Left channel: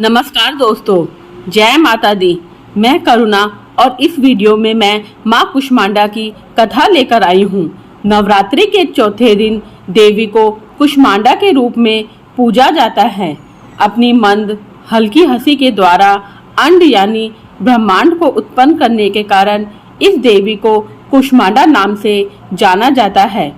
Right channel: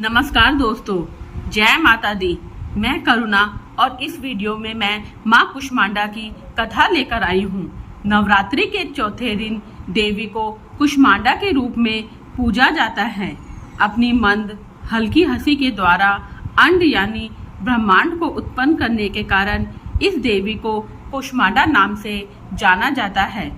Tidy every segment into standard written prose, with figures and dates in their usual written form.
नमस्कार दोस्तों, जय माता दी। मैं करुणा और इस वीडियो में मैं माँ कुष्मांडा की कथा लेकर आई हूँ। नवरात्रि के चौथे दिन देवी को कुष्मांडा के रूप में पूजा जाता है। अपनी मंद हल्की हंसी के द्वारा अंड यानी ब्रह्मांड को उत्पन्न करने के कारण इस देवी को कुष्मांडा नाम से जाना जाता है।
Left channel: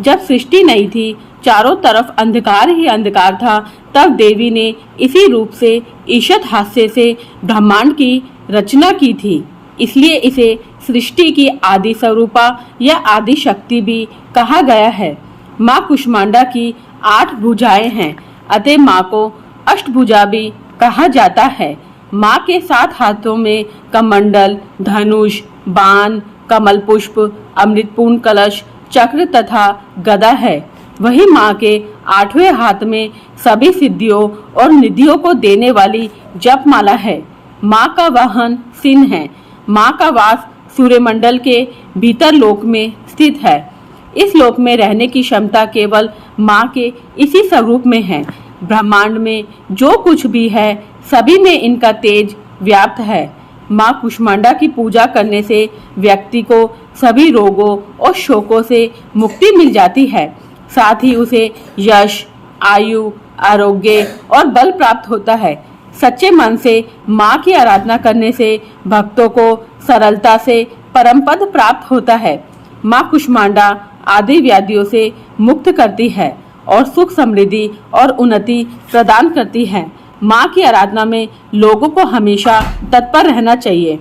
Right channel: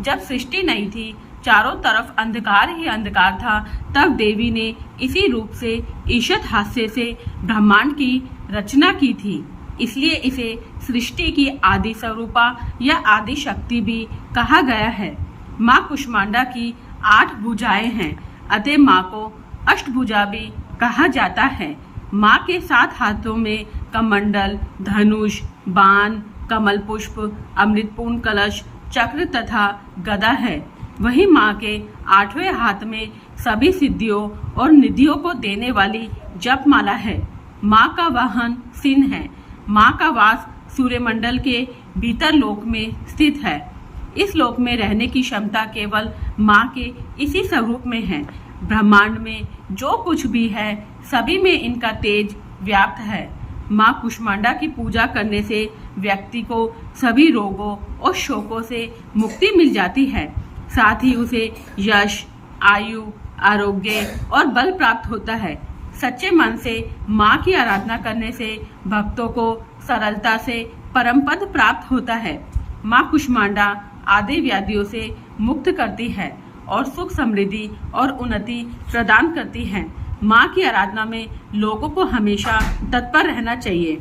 जब सृष्टि नहीं थी, चारों तरफ अंधकार ही अंधकार था, तब देवी ने इसी रूप से ईशत हास्य से ब्रह्मांड की रचना की थी। इसलिए इसे सृष्टि की आदि स्वरूपा या आदि शक्ति भी कहा गया है। माँ कुष्मांडा की 8 भुजाएं हैं, अतः माँ को अष्टभुजा भी कहा जाता है। माँ के 7 हाथों में कमंडल, धनुष, बाण, कमल पुष्प, अमृतपूर्ण कलश, चक्र तथा गदा है। वही माँ के 8वें हाथ में सभी सिद्धियों और निधियों को देने वाली जपमाला है। माँ का वाहन सिंह है। माँ का वास सूर्यमंडल के भीतर लोक में स्थित है। इस लोक में रहने की क्षमता केवल माँ के इसी स्वरूप में है। ब्रह्मांड में जो कुछ भी है, सभी में इनका तेज व्याप्त है। माँ कुष्मांडा की पूजा करने से व्यक्ति को सभी रोगों और शोकों से मुक्ति मिल जाती है। साथ ही उसे यश, आयु, आरोग्य और बल प्राप्त होता है। सच्चे मन से माँ की आराधना करने से भक्तों को सरलता से परम पद प्राप्त होता है। माँ कुष्मांडा आदि व्याधियों से मुक्त करती है और सुख, समृद्धि और उन्नति प्रदान करती है। माँ की आराधना में लोगों को हमेशा तत्पर रहना चाहिए।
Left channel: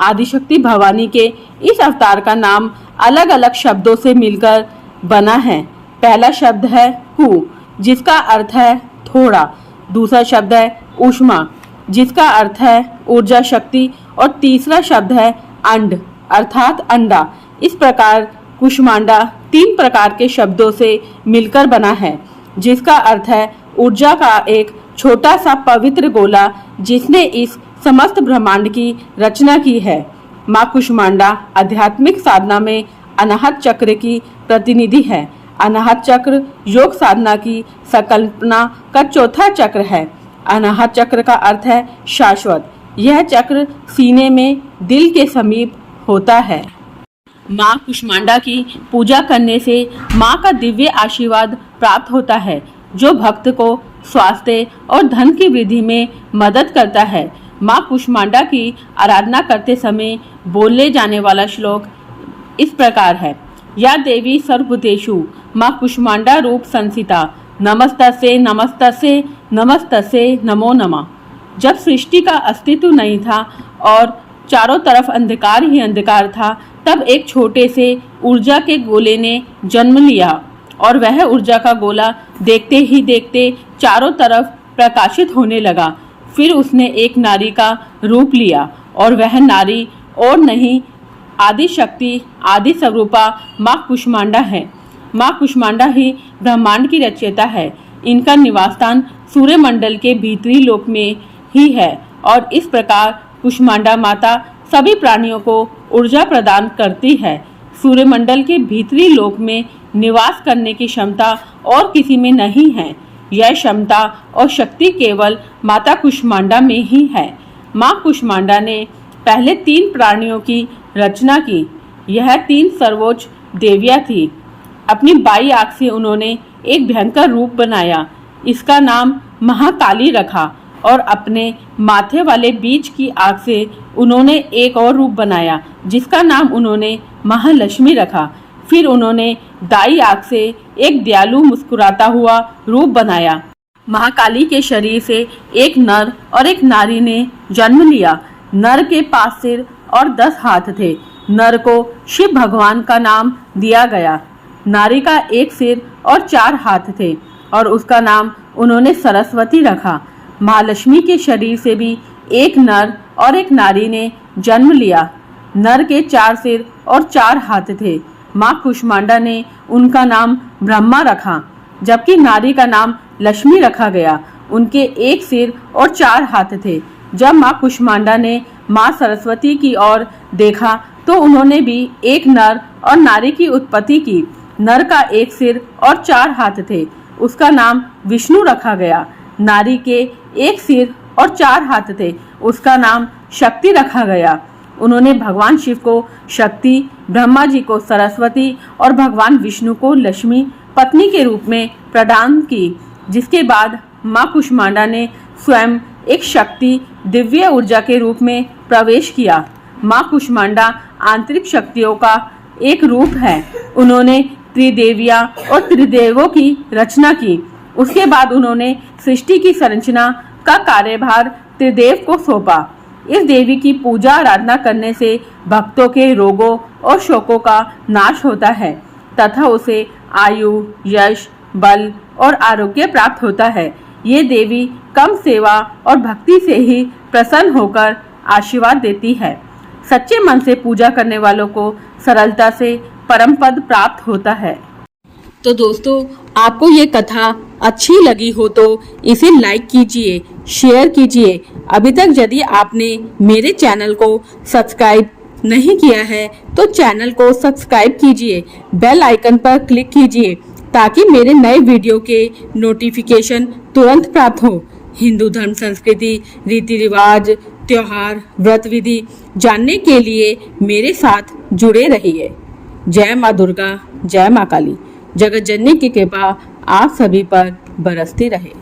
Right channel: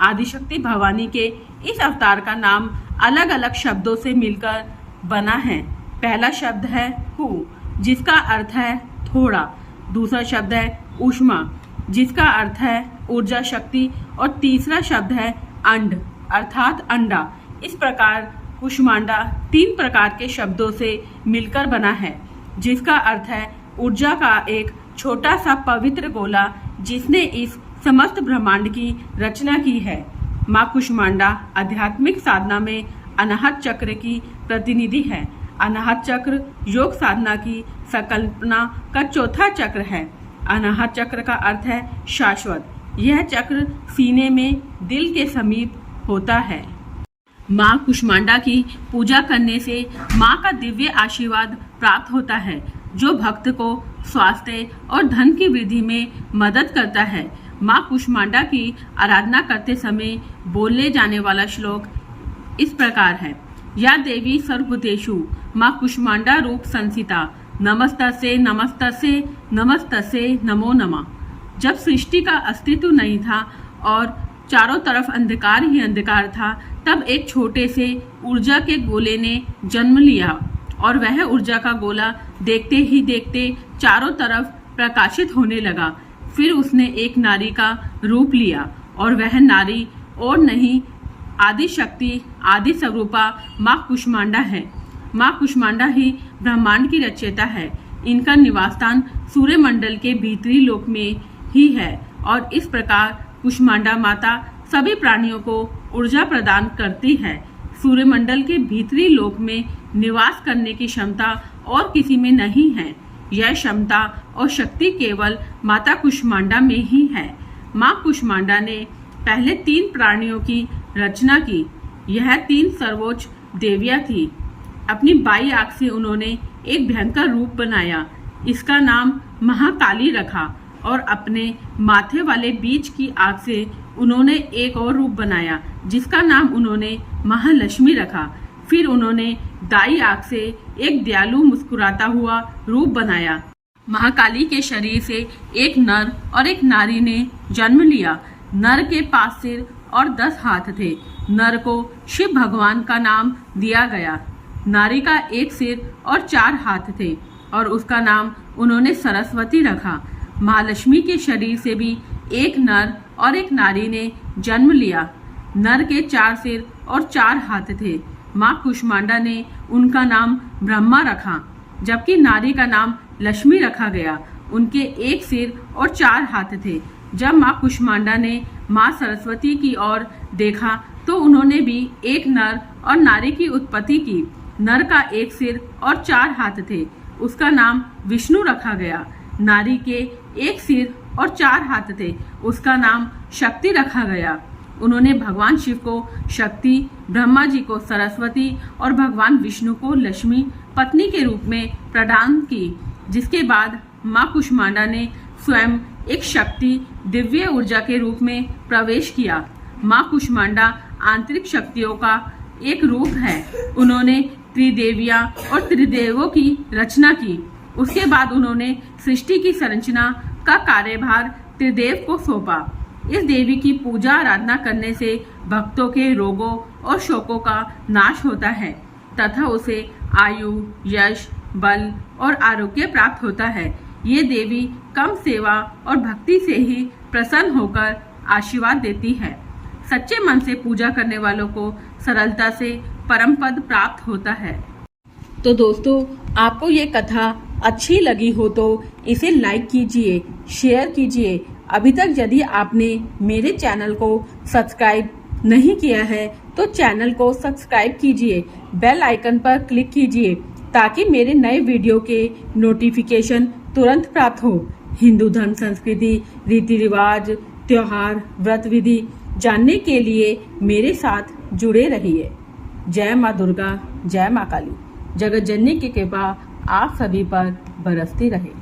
आदिशक्ति भवानी के इस अवतार का नाम अलग अलग शब्दों से मिलकर बना है। पहला शब्द है कु, जिसका अर्थ है थोड़ा। दूसरा शब्द है ऊष्मा, जिसका अर्थ है ऊर्जा शक्ति। और तीसरा शब्द है अंड, अर्थात अंडा। इस प्रकार कुष्मांडा 3 प्रकार के शब्दों से मिलकर बना है, जिसका अर्थ है ऊर्जा का एक छोटा सा पवित्र गोला, जिसने इस समस्त ब्रह्मांड की रचना की है। माँ कुष्मांडा आध्यात्मिक साधना में अनाहत चक्र की प्रतिनिधि है। अनाहत चक्र योग साधना की संकल्पना का चौथा चक्र है। अनाहत चक्र का अर्थ है शाश्वत। यह चक्र सीने में दिल के समीप होता है। माँ कुष्मांडा की पूजा करने से माँ का दिव्य आशीर्वाद प्राप्त होता है, जो भक्त को स्वास्थ्य और धन की वृद्धि में मदद करता है। माँ कुष्मांडा की आराधना करते समय बोले जाने वाला श्लोक इस प्रकार है। या देवी सर्वभूतेषु माँ कुष्मांडा रूप संसिता, नमस्तस्यै नमस्तस्यै नमस्तस्यै नमो नमः। जब सृष्टि का अस्तित्व नहीं था और चारों तरफ अंधकार ही अंधकार था, तब एक छोटे से ऊर्जा के गोले ने जन्म लिया और वह ऊर्जा का गोला देखते ही देखते चारों तरफ प्रकाशित होने लगा। फिर उसने एक नारी का रूप लिया और वह नारी और नहीं आदि शक्ति, आदि स्वरूपा माँ कुष्मांडा है। माँ कुष्मांडा ही ब्रह्मांड की रचयिता है। इनका निवास स्थान सूर्यमंडल के भीतरी लोक में ही है और इस प्रकार कुष्मांडा माता सभी प्राणियों को ऊर्जा प्रदान करती है। सूर्यमंडल के भीतरी लोक में निवास करने की क्षमता और किसी में नहीं है। यह क्षमता और शक्ति केवल माता कुष्मांडा में ही है। माँ कुष्मांडा ने पहले 3 प्राणियों की रचना की। यह 3 सर्वोच्च देवियाँ थी। अपनी बाई आंख से उन्होंने एक भयंकर रूप बनाया। इसका नाम महाकाली रखा और अपने माथे वाले बीच की आंख से उन्होंने एक और रूप बनाया, जिसका नाम उन्होंने महालक्ष्मी रखा। फिर उन्होंने दाई आंख से एक दयालु मुस्कुराता हुआ रूप बनाया। महाकाली के शरीर से एक नर और एक नारी ने जन्म लिया। नर के पास सिर और 10 हाथ थे। नर को शिव भगवान का नाम दिया गया। नारी का एक सिर और 4 हाथ थे और उसका नाम उन्होंने सरस्वती रखा। महालक्ष्मी के शरीर से भी एक नर और एक नारी ने जन्म लिया। नर के 4 सिर और 4 हाथ थे। माँ कुष्मांडा ने उनका नाम ब्रह्मा रखा, जबकि नारी का नाम लक्ष्मी रखा गया। उनके एक सिर और 4 हाथ थे। जब माँ कुष्मांडा ने माँ सरस्वती की ओर देखा तो उन्होंने भी एक नर और नारी की उत्पत्ति की। नर का एक सिर और 4 हाथ थे। उसका नाम विष्णु रखा गया। नारी के एक सिर और 4 हाथ थे, उसका नाम शक्ति रखा गया। उन्होंने भगवान शिव को शक्ति, ब्रह्मा जी को सरस्वती और भगवान विष्णु को लक्ष्मी पत्नी के रूप में प्रदान की, जिसके बाद मां कुष्मांडा ने स्वयं एक शक्ति दिव्य ऊर्जा के रूप में प्रवेश किया। मां कुष्मांडा आंतरिक शक्तियों का एक रूप है। उन्होंने त्रिदेवियां और त्रिदेवों की रचना की। उसके बाद उन्होंने सृष्टि की संरचना का कार्यभार त्रिदेव को सौंपा। इस देवी की पूजा आराधना करने से भक्तों के रोगों और शोकों का नाश होता है तथा उसे आयु, यश, बल और आरोग्य प्राप्त होता है। ये देवी कम सेवा और भक्ति से ही प्रसन्न होकर आशीर्वाद देती है। सच्चे मन से पूजा करने वालों को सरलता से परम पद प्राप्त होता है। तो दोस्तों, आपको ये कथा अच्छी लगी हो तो इसे लाइक कीजिए, शेयर कीजिए। अभी तक यदि आपने मेरे चैनल को सब्सक्राइब नहीं किया है तो चैनल को सब्सक्राइब कीजिए, बेल आइकन पर क्लिक कीजिए ताकि मेरे नए वीडियो के नोटिफिकेशन तुरंत प्राप्त हो। हिंदू धर्म, संस्कृति, रीति रिवाज, त्योहार, व्रत विधि जानने के लिए मेरे साथ जुड़े रहिए। जय माँ दुर्गा, जय माँ काली। जगत जननी की कृपा आप सभी पर बरसती रहे।